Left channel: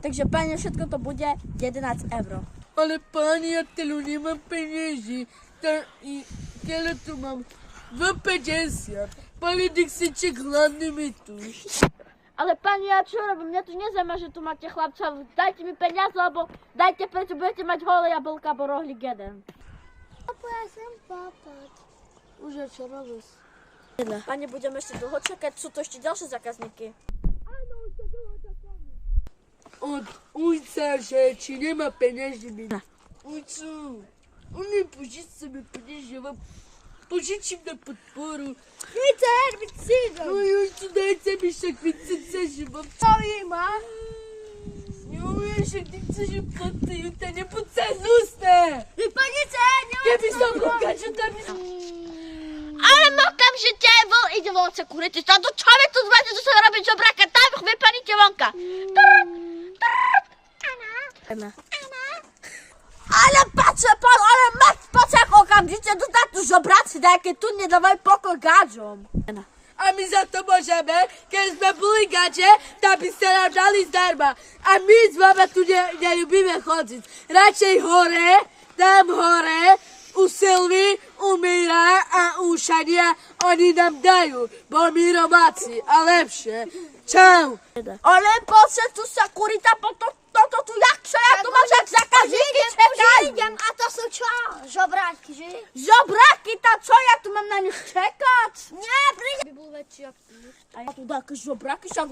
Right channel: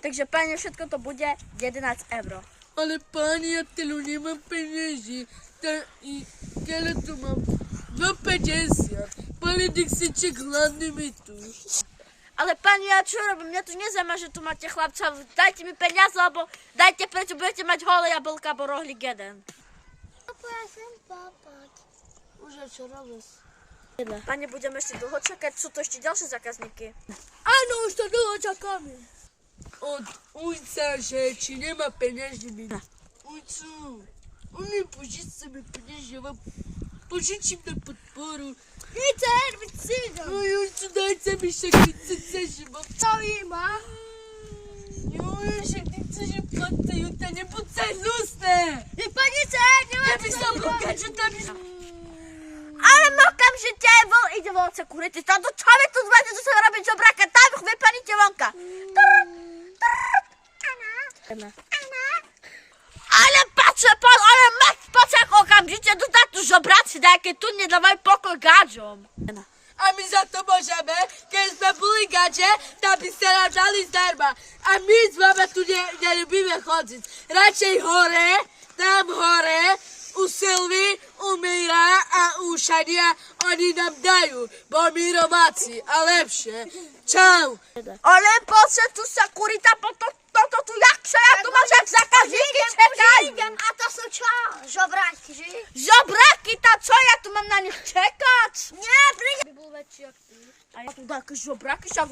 Takže pani, všetko to bude 11 euro. Ale pani, ja tylu nemám peniazy. Tyle tu mam 2,50. Pani Dixicek hladný mi tu. Ale pani, ja čo robím? Mňa tu nezaujíma, že tu máte chlapca. Dajte mi peniaze, alebo dajte preto budete mať holé jablka, bo rohlík jeden. Papa, ja chcem papať. Už ja čo robíš? Pani, budeme ešte dlho čakať, sú to ešte ďalšie zákazníky. Áno, už to dlho čakáme. Od ujca, že či nemá peniazy mi. Ujcu, on mi požič sebe peniazy, ja vám požičím na podporu. Více, No ujcu, dajte mi však 30, že mám. co jí má? Jo, že ty chceš platiť, to nebuď sa hnusné. Vypadnice, Keby som blúka, čo tam je. Ale okamžite vol ide volce kurity. To čo vy tu zváte, čo sa robí žobraka? Tam vypadnite vonka. Ale patrzę pan, ale masz pacek okamžite dostať tu žobraci, nejaké tu nedávaj pokoj gáďom. A my za to môžeme, keď sme boli gače, tak by ste nám dali zdarma. A my s vama tu neľubíme chodiť. Radšej hore, tam hore, u Silvy, u Míra a u Šania, oni nám dajú, bo my romáci a lepšie. Čau. Ale poďte tu sa kurita, toto tu jak sa, ja tu máš jak zákazníky čekajú. A to sú čo? Žobráky, že? Žobraky, tá čo, ja tu mám na nich čekať? Nie, príde. By bol väčší ako ty. A ja tu také žobraky, však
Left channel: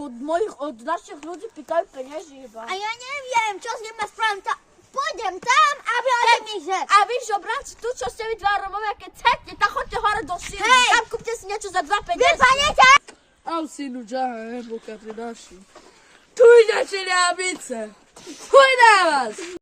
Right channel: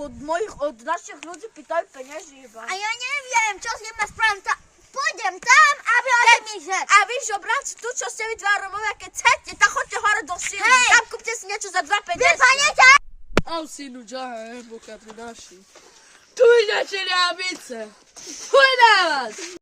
od našich ľudí pýtajú peniazy iba. A ja neviem, čo s ním má spraviť. Pôjdem tam a vyhodím ich že. A vy žobráci, tu čo ste vy dva Romovia, keď chcete, tak choďte hore do síly. Hej! Tam kúpte si niečo za 2,50. Vypadnite! Au synu, džaha, boka pri naši. Tu ide čeliabice. Chuj na vás.